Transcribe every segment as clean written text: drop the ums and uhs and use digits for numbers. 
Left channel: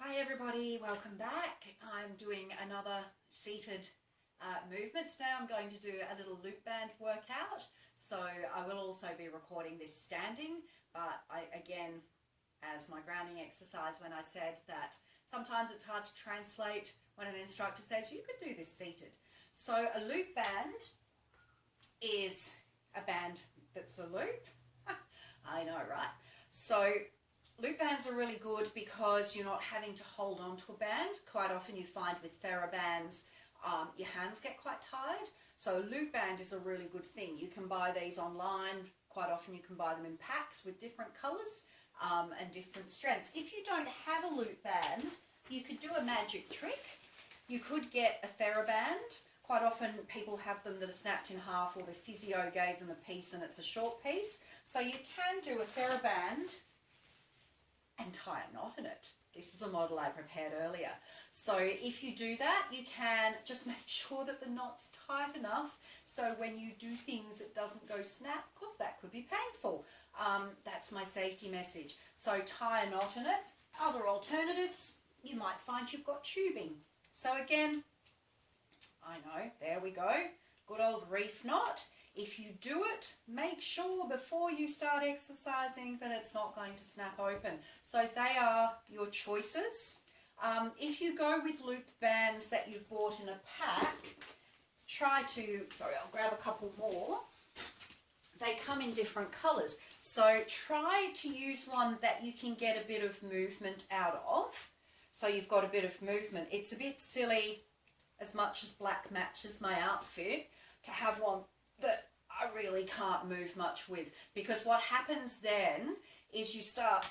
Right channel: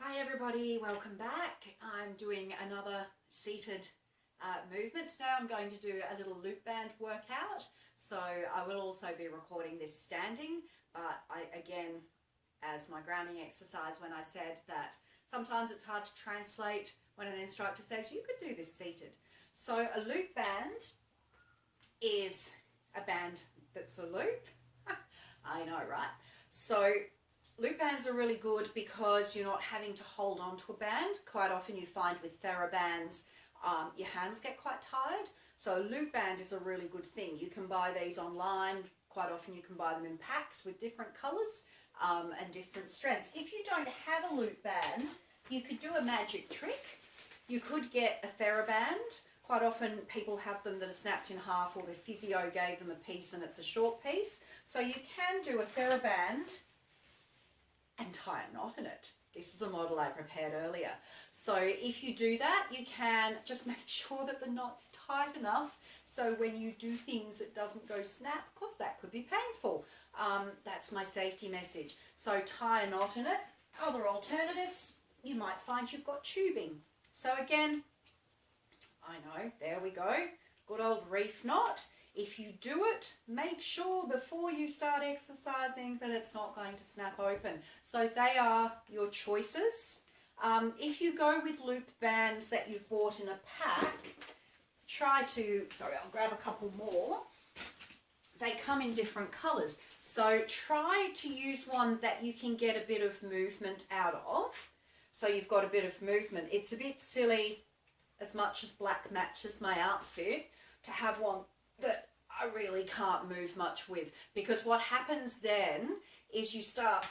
Hi everybody, welcome back. I'm doing another seated movement. Today I'm going to do a little loop band workout. So I will also be recording this standing, but again, as my grounding exercise when I said that sometimes it's hard to translate when an instructor says you could do this seated. So a loop band is a band that's a loop. I know, right? So loop bands are really good because you're not having to hold on to a band. Quite often you find with TheraBands, your hands get quite tired. So a loop band is a really good thing. You can buy these online. Quite often you can buy them in packs with different colours and different strengths. If you don't have a loop band, you could do a magic trick. You could get a TheraBand. Quite often people have them that are snapped in half, or their physio gave them a piece and it's a short piece. So you can do a TheraBand and tie a knot in it. This is a model I prepared earlier. So if you do that, you can just make sure that the knot's tight enough so when you do things it doesn't go snap, because that could be painful. That's my safety message. So tie a knot in it. Other alternatives, you might find you've got tubing. So again, I know, there we go. Good old reef knot. If you do it, make sure before you start exercising that it's not going to snap open. So they are your choices. If you go with loop bands that you've bought in a pack, I'll grab a couple more. They come in different colours. So try to use one that you can get a bit of movement out of. So you've got a bit of movement. It's a bit silly, as much as black matches my outfit, to have one that I really can't move much with, because what happens then is you start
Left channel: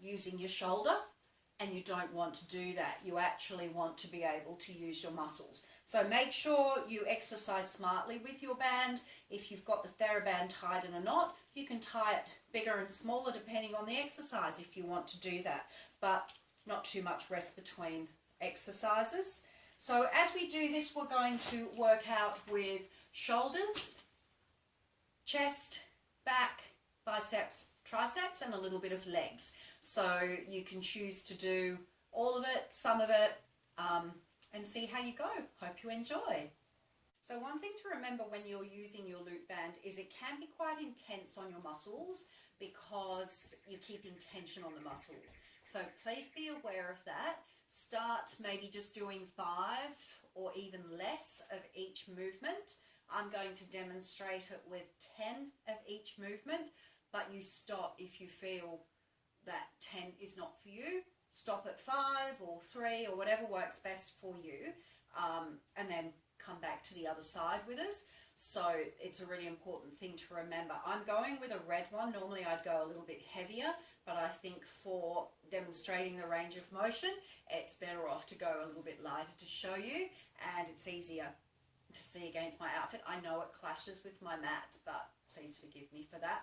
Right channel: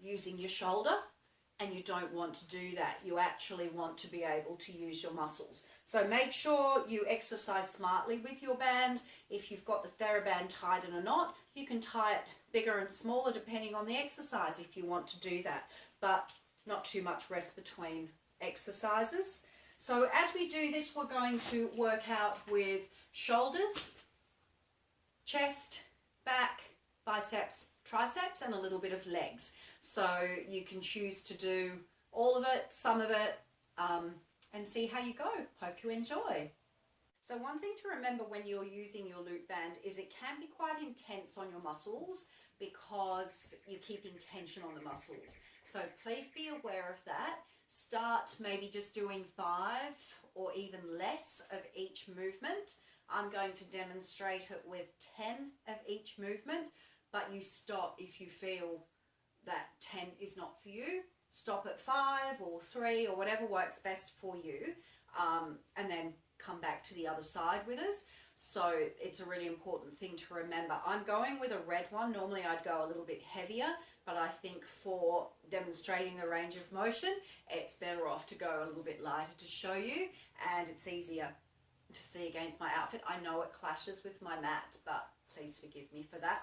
using your shoulder and you don't want to do that. You actually want to be able to use your muscles. So make sure you exercise smartly with your band. If you've got the TheraBand tied in a knot, you can tie it bigger and smaller depending on the exercise if you want to do that, but not too much rest between exercises. So as we do this, we're going to work out with shoulders, chest, back, biceps, triceps, and a little bit of legs. So you can choose to do all of it, some of it, and see how you go. Hope you enjoy. So one thing to remember when you're using your loop band is it can be quite intense on your muscles because you're keeping tension on the muscles. So please be aware of that. Start maybe just doing 5 or even less of each movement. I'm going to demonstrate it with 10 of each movement, but you stop if you feel that 10 is not for you. Stop at 5 or 3 or whatever works best for you, and then come back to the other side with us. So it's a really important thing to remember. I'm going with a red one. Normally I'd go a little bit heavier, but I think for demonstrating the range of motion, it's better off to go a little bit lighter to show you, and it's easier to see against my outfit. I know it clashes with my mat, but please forgive me for that.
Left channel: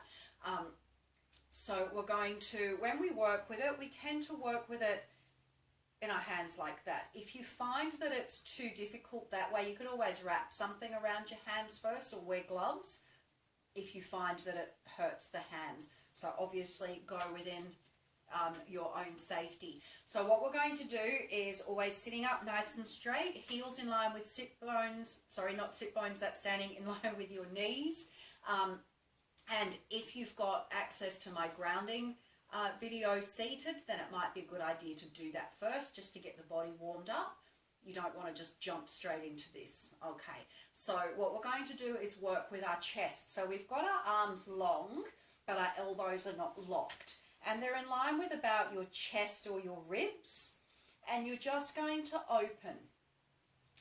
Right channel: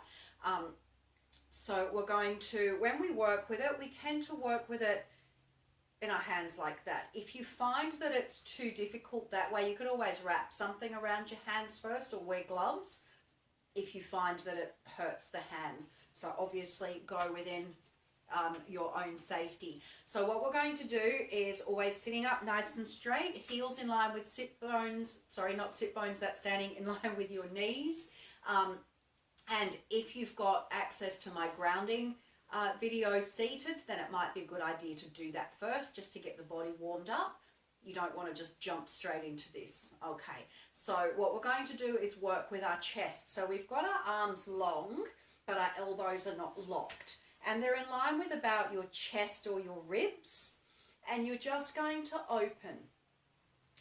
So we're going to, when we work with it, we tend to work with it in our hands like that. If you find that it's too difficult that way, you could always wrap something around your hands first or wear gloves if you find that it hurts the hands. So obviously go within your own safety. So what we're going to do is always sitting up nice and straight, heels in line with sit bones, sorry, not sit bones, that's standing in line with your knees. And if you've got access to my grounding video seated, then it might be a good idea to do that first just to get the body warmed up. You don't want to just jump straight into this. Okay, so what we're going to do is work with our chest. So we've got our arms long, but our elbows are not locked. And they're in line with about your chest or your ribs. And you're just going to open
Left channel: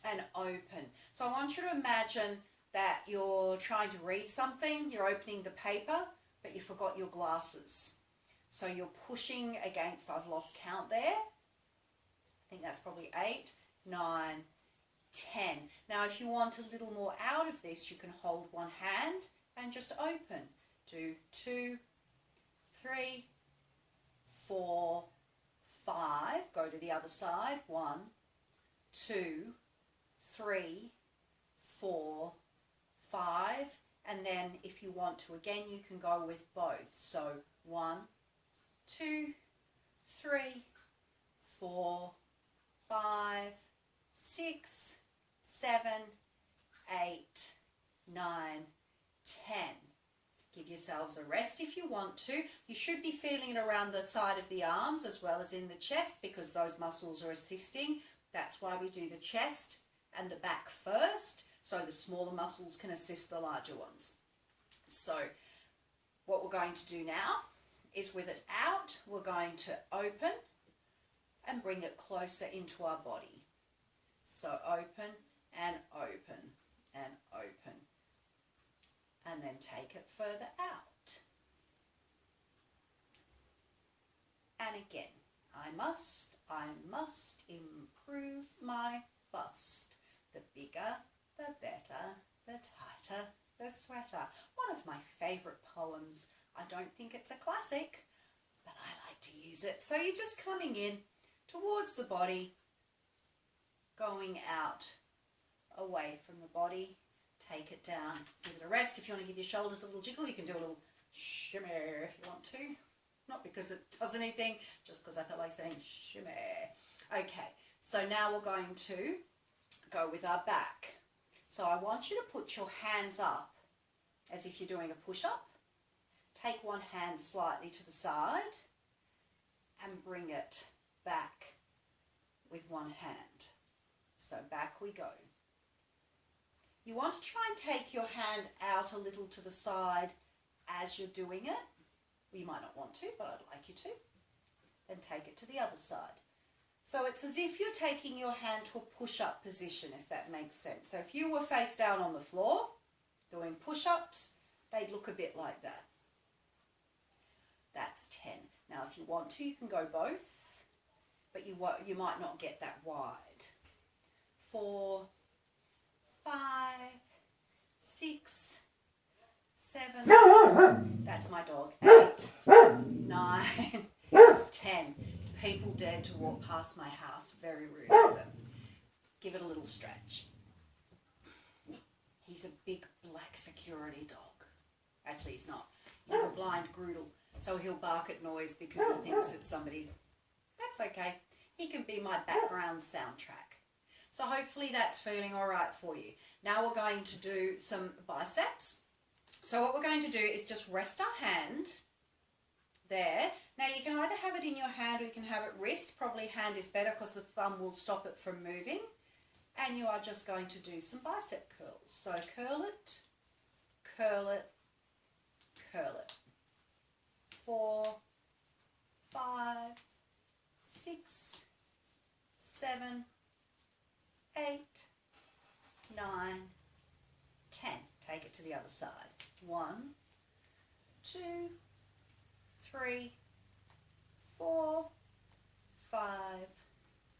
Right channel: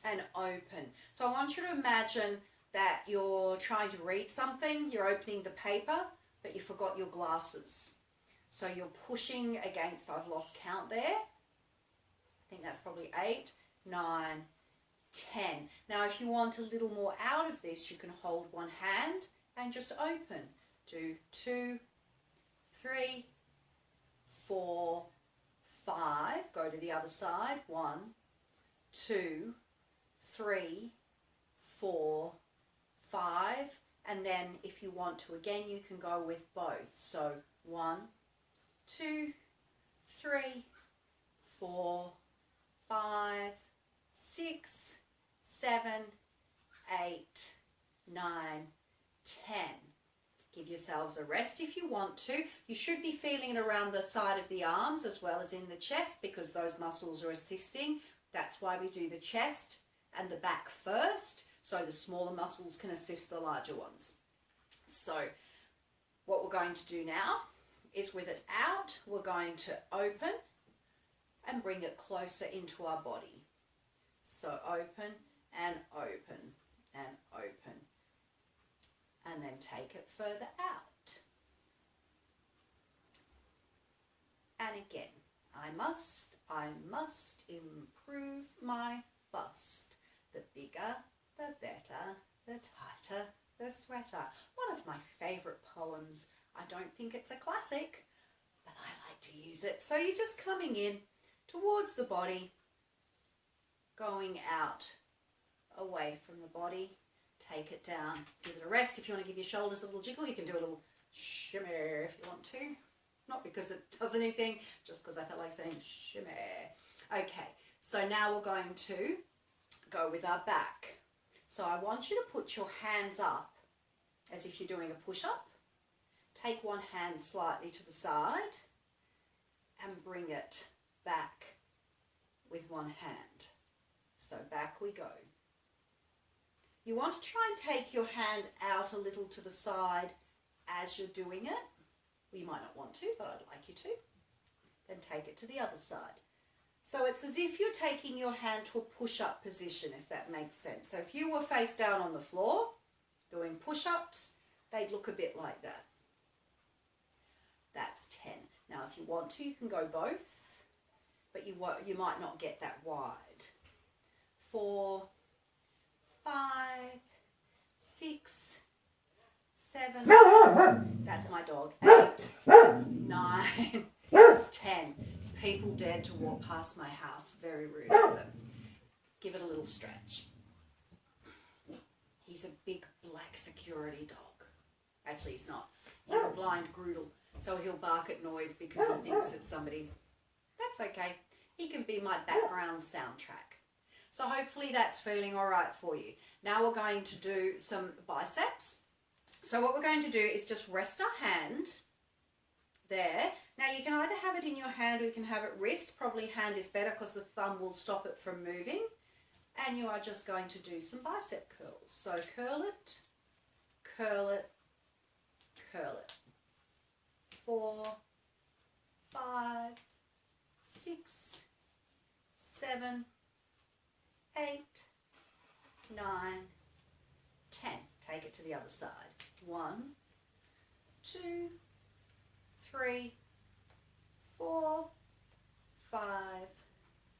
and open. So I want you to imagine that you're trying to read something. You're opening the paper, but you forgot your glasses. So you're pushing against, I've lost count there. I think that's probably 8, 9, 10. Now if you want a little more out of this, you can hold one hand and just open. Do 2, 3, 4, 5. Go to the other side. 1, 2, 3, 4, 5. And then if you want to, again, you can go with both. So 1, 2, 3, 4, 5, 6, 7, 8, 9, 10. Give yourselves a rest if you want to. You should be feeling it around the side of the arms as well as in the chest because those muscles are assisting. That's why we do the chest and the back first, so the smaller muscles can assist the larger ones. So what we're going to do now is with it out, we're going to open and bring it closer into our body. So open and open and open. And then take it further out. And again, I must improve my bust. The bigger, the better, the tighter, the sweater. One of my favourite poems. I don't think it's a classic, but I like to use it. So you're just coming in towards the body, going out, away from the body. Take it down, give it a rest. If you want to give your shoulders a little jiggle, you can do a little shimmy if you want to. Not because it does anything, just because I felt like saying shimmy. Okay, so now we're going to go with our back. So I want you to put your hands up as if you're doing a push-up. Take one hand slightly to the side and bring it back with one hand. So back we go. You want to try and take your hand out a little to the side as you're doing it. Well, you might not want to, but I'd like you to. Then take it to the other side. So it's as if you're taking your hand to a push-up position, if that makes sense. So if you were face down on the floor doing push-ups, they'd look a bit like that. That's 10. Now, if you want to, you can go both, but you might not get that wide. 4, 5, 6, 7, that's my dog, 8, 9, 10. People dared to walk past my house, very rude of them. Give it a little stretch. He's a big black security dog. Actually, he's not. He's a blind groodle, so he'll bark at noise because he thinks it's somebody. That's okay. He can be my background soundtrack. So hopefully that's feeling all right for you. Now we're going to do some biceps. So what we're going to do is just rest our hand there. Now you can either have it in your hand or you can have it wrist. Probably hand is better because the thumb will stop it from moving. And you are just going to do some bicep curls. So curl it, curl it, curl it. 4, 5, 6, 7, 8, 9, 10. Take it to the other side. 1, 2, 3, 4, 5,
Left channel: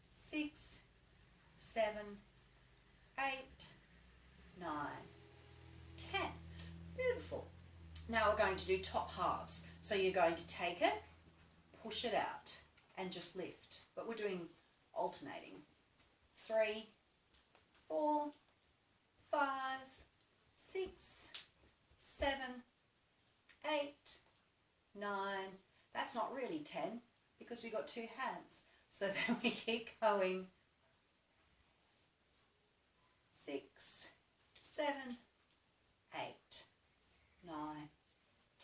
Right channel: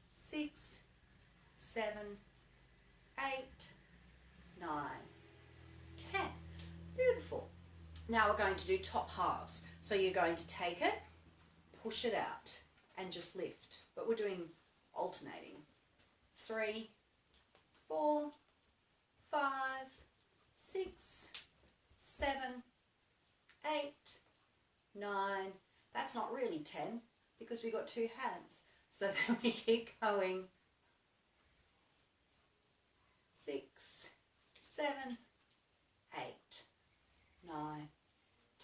6, 7, 8, 9, 10. Beautiful. Now we're going to do top halves. So you're going to take it, push it out, and just lift. But we're doing alternating. 3, 4, 5, 6, 7, 8, 9. That's not really 10 because we've got 2 hands. So then we keep going. 6, 7, 8, 9,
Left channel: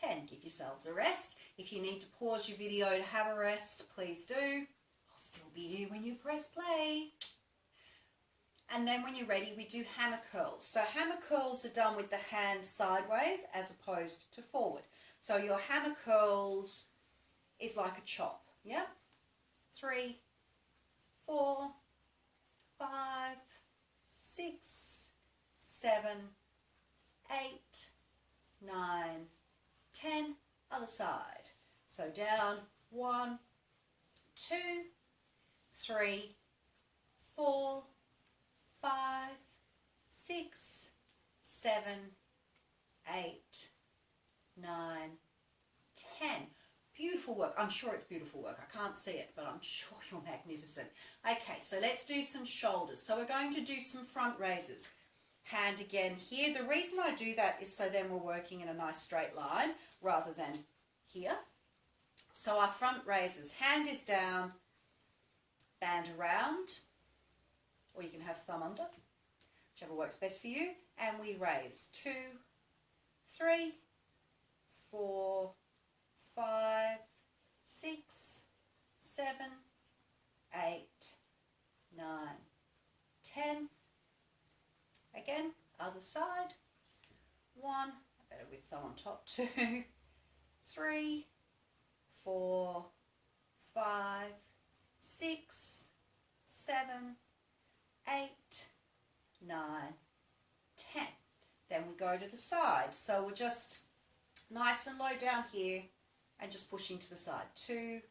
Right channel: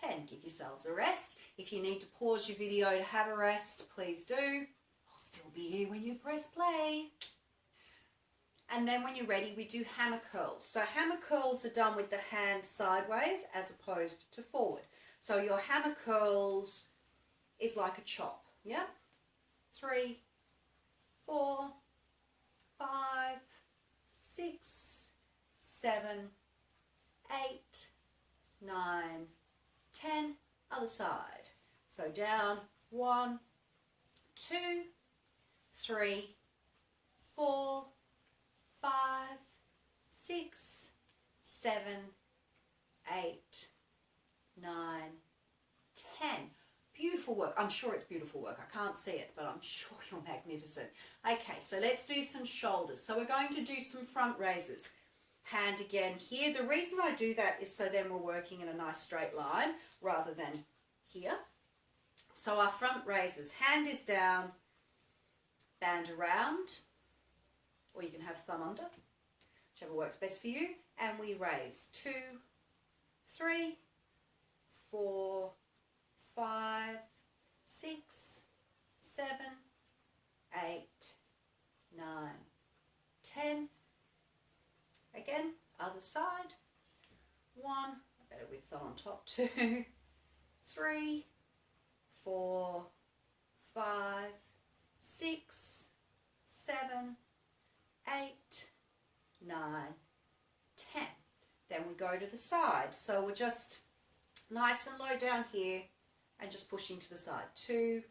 10. Give yourselves a rest. If you need to pause your video to have a rest, please do. I'll still be here when you press play. And then when you're ready, we do hammer curls. So hammer curls are done with the hand sideways as opposed to forward. So your hammer curls is like a chop, yeah? 3, 4, 5, 6, 7, 8, 9, 10. Other side. So down, 1, 2, 3, 4, 5, 6, 7, 8, 9, 10. Beautiful work. I'm sure it's beautiful work. I can't see it, but I'm sure you're magnificent. Okay, so let's do some shoulders. So we're going to do some front raises. Hand again here. The reason I do that is so then we're working in a nice straight line rather than here. So our front raises. Hand is down. band around, or you can have thumb under, whichever works best for you, and we raise 2, 3, 4, 5, 6, 7, 8, 9, 10. Again, other side. 1, better with thumb on top, 2, 3, 4, 5, 6, 7, 8, 9, 10. Then we go to the side. So we're just nice and low down here and just pushing to the side. 2,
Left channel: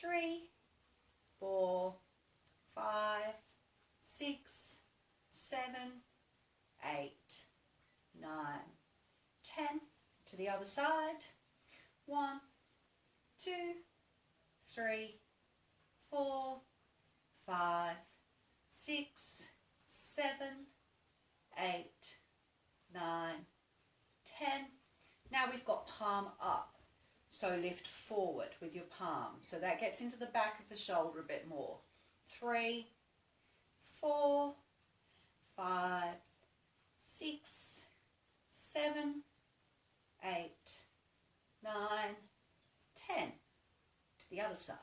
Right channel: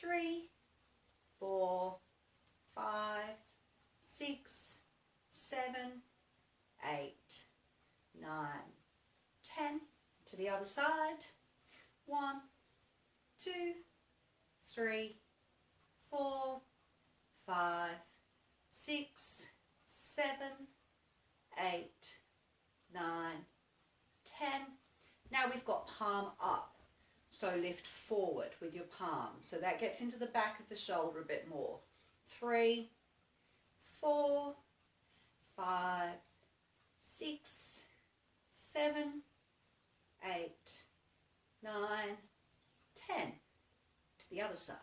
3, 4, 5, 6, 7, 8, 9, 10. To the other side. 1, 2, 3, 4, 5, 6, 7, 8, 9, 10. Now we've got palm up. So lift forward with your palm. So that gets into the back of the shoulder a bit more. 3, 4, 5, 6, 7, 8, 9, 10. To the other side.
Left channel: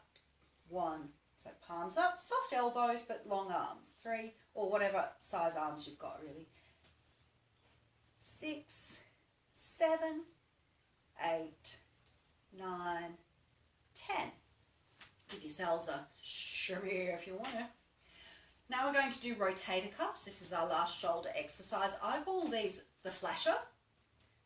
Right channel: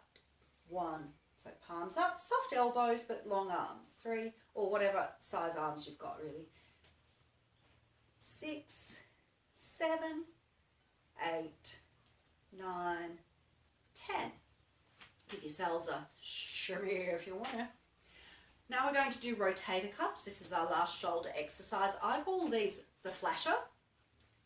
1. So palms up, soft elbows but long arms. 3, or whatever size arms you've got really. 6, 7, 8, 9, 10. Give yourselves a shimmy if you want to. Now we're going to do rotator cuffs. This is our last shoulder exercise. I call these the flasher,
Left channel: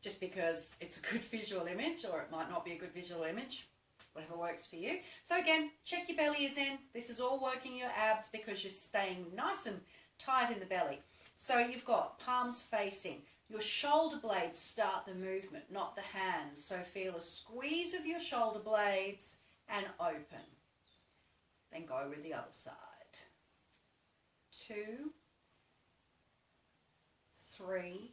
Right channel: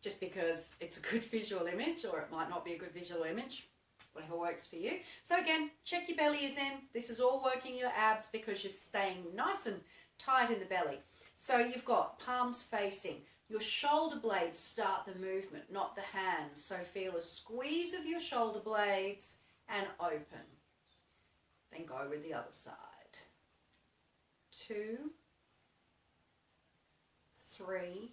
just because it's a good visual image, or it might not be a good visual image, whatever works for you. So again, check your belly is in. This is all working your abs because you're staying nice and tight in the belly. So you've got palms facing. Your shoulder blades start the movement, not the hands. So feel a squeeze of your shoulder blades and open. Then go with the other side. 2, 3,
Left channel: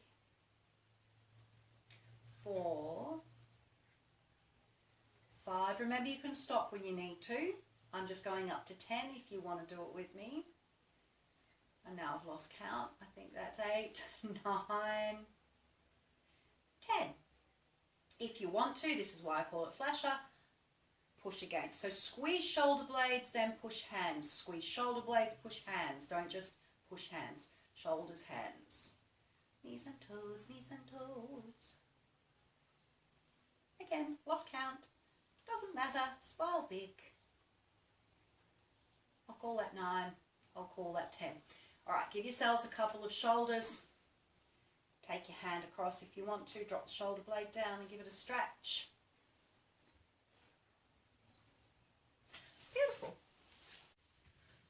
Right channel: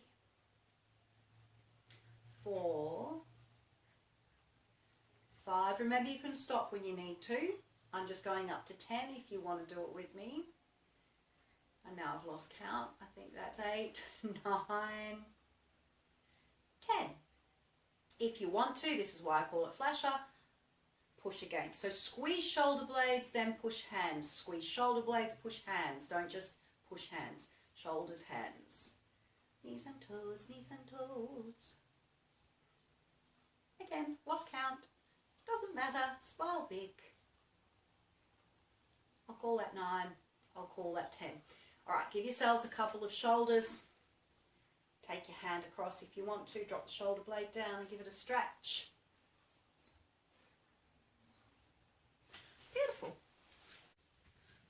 4, 5. Remember, you can stop when you need to. I'm just going up to 10 if you want to do it with me. And now I've lost count. I think that's 8, 9, 10. If you want to, this is why I call it flasher, push again. So squeeze shoulder blades, then push hands. Squeeze shoulder blades, push hands. Don't just push hands. Shoulders, hands. Knees and toes, knees and toes. Again, lost count. Doesn't matter. Smile big. I'll call that 9. I'll call that 10. All right, give yourselves a couple of shoulders. Take your hand across if you want to. Drop the shoulder blade down and give it a stretch. Beautiful.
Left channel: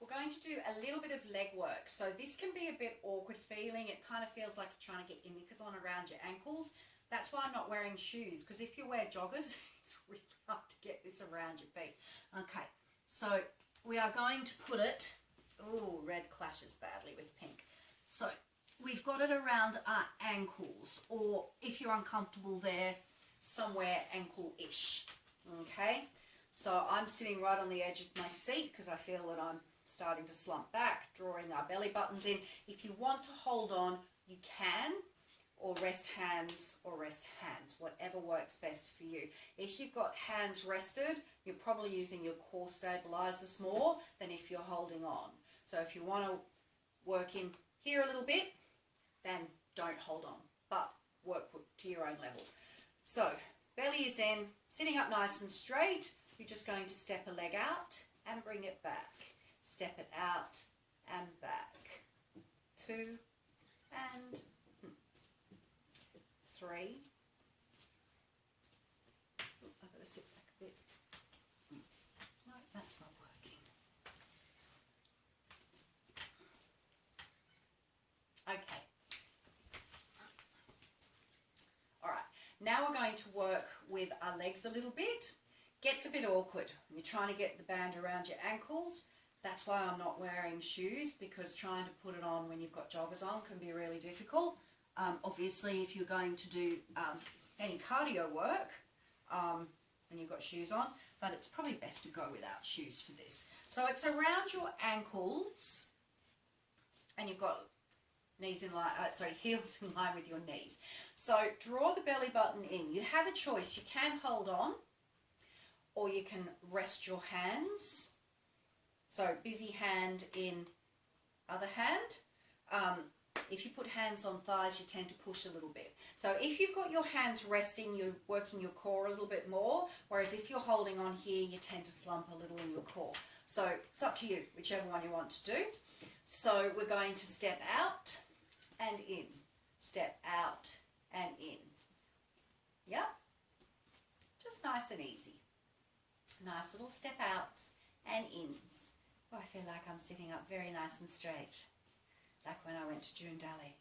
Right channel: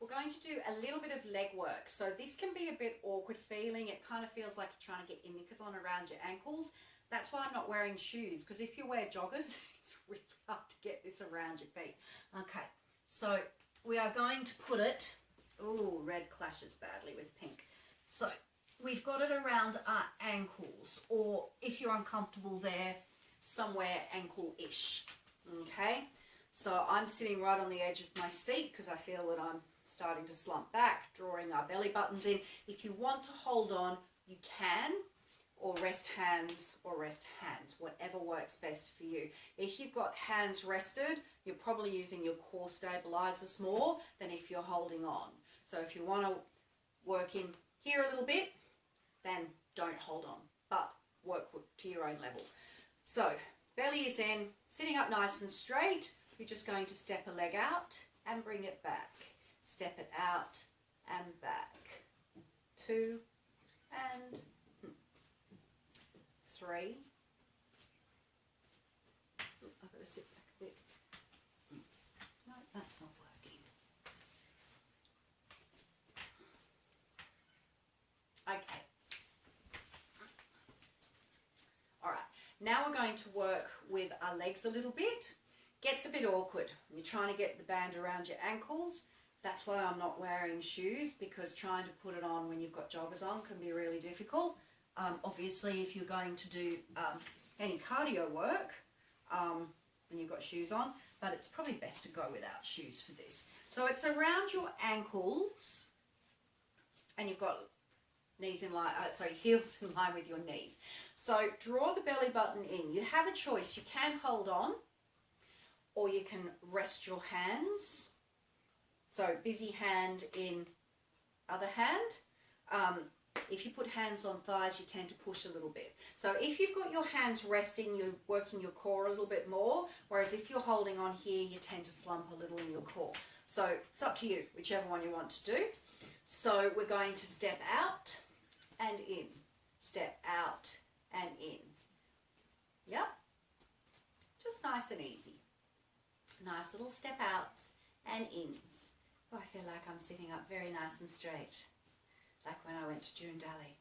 We're going to do a little bit of leg work. So this can be a bit awkward feeling. It kind of feels like you're trying to get your knickers on around your ankles. That's why I'm not wearing shoes, because if you wear joggers, it's really hard to get this around your feet. Okay, so we are going to put it, oh, red clashes badly with pink. So we've got it around our ankles, or if you're uncomfortable there, somewhere ankle-ish. Okay, so I'm sitting right on the edge of my seat because I feel that I'm starting to slump back, drawing our belly buttons in. If you want to hold on, you can, or rest hands, whatever works best for you. If you've got hands rested, you're probably using your core stabilizers more than if you're holding on. So if you want to work in here a little bit, then don't hold on, but work to your own level. So belly is in, sitting up nice and straight. You're just going to step a leg out and bring it back. Step it out and back. 2 and 3. I've got to sit back a bit. No, that's not working. Okay. All right. Now we're going to work with our legs a little bit. Gets a bit awkward. You're trying to get the band around your ankles. That's why I'm not wearing shoes, because trying to put it on when you've got joggers on can be really difficult. Obviously, if you're going to do any cardio work, then you've got shoes on, but it's probably best to go without shoes for this. So it's around your ankles, and you've got knees in line, heels in line with your knees. So draw the belly button in. You have a choice. You can hold on, or you can rest your hands. So busy hand in other hand. If you put hands on thighs, you tend to push a little bit. So if you've got your hands resting, you're working your core a little bit more, whereas if you're holding on here, you tend to slump a little in your core. So it's up to you, whichever one you want to do. So we're going to step out and in, step out and in. Yep, just nice and easy. Nice little step outs and ins. Oh, I feel like I'm sitting up very nice and straight, like when I went to June Daly.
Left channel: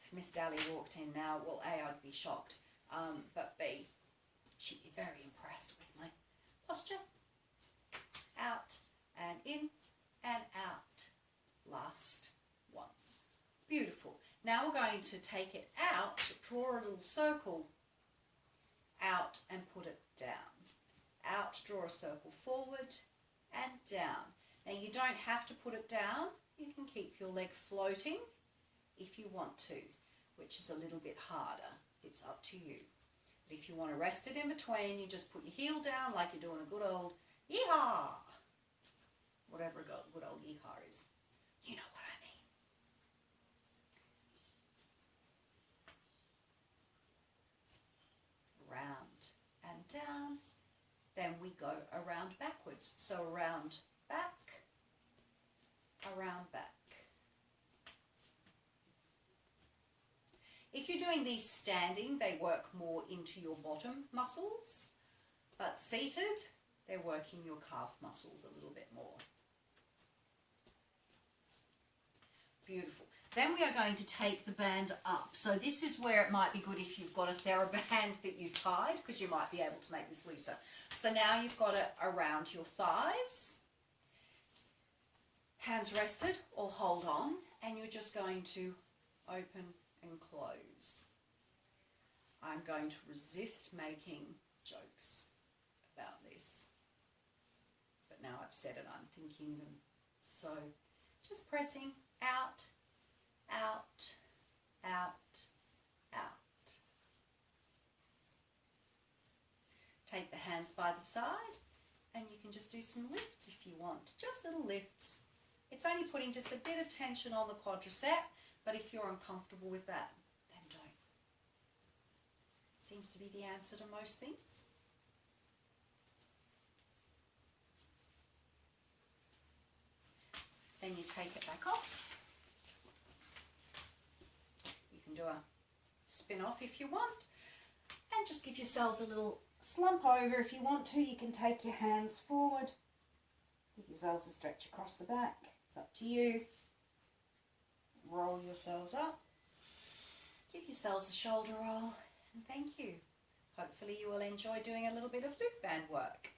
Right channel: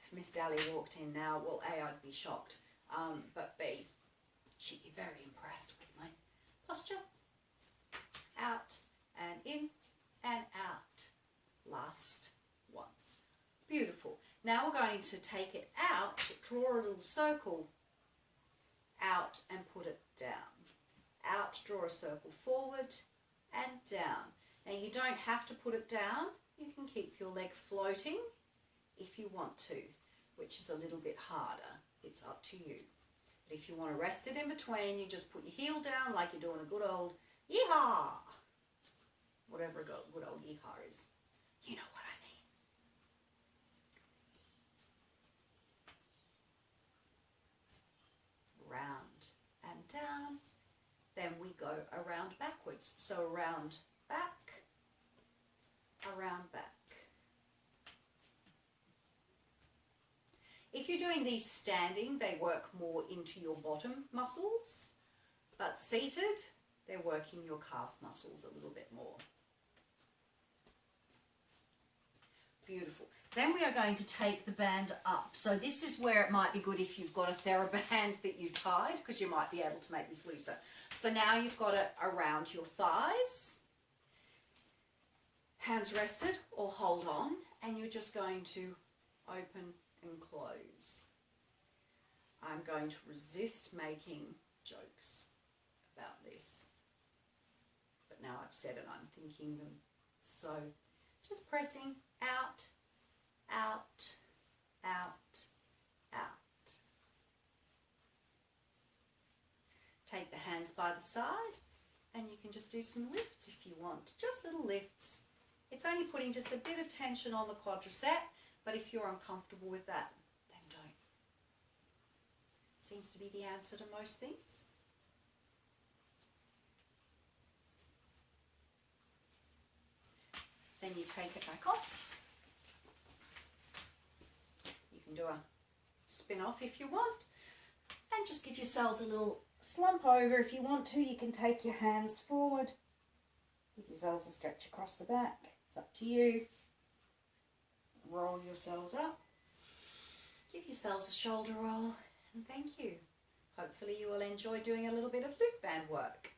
If Miss Daly walked in now, well, A, I'd be shocked, but B, she'd be very impressed with my posture. Out and in and out. Last one. Beautiful. Now we're going to take it out, draw a little circle, out and put it down. Out, draw a circle forward and down. Now you don't have to put it down. You can keep your leg floating if you want to, which is a little bit harder. It's up to you. But if you want to rest it in between, you just put your heel down like you're doing a good old yeehaw. Whatever a good old yeehaw is. You know what I mean. Round and down. Then we go around backwards. So around back, around back. If you're doing these standing, they work more into your bottom muscles, but seated, they're working your calf muscles a little bit more. Beautiful. Then we are going to take the band up. So this is where it might be good if you've got a TheraBand that you've tied, because you might be able to make this looser. So now you've got it around your thighs, hands rested or hold on, and you're just going to open and close. I'm going to resist making jokes about this, but now I've said it, I'm thinking them. So just pressing out, out, out, out. Take the hands by the side and you can just do some lifts if you want, just little lifts. It's only putting just a bit of tension on the quadricep, but if you're uncomfortable with that, then don't. Seems to be the answer to most things. Then you take it back off. You can do a spin off if you want, and just give yourselves a little slump over if you want to. You can take your hands forward, give yourselves a stretch across the back. It's up to you. Roll yourselves up, give yourselves a shoulder roll, and thank you. Hopefully you will enjoy doing a little bit of loop band work.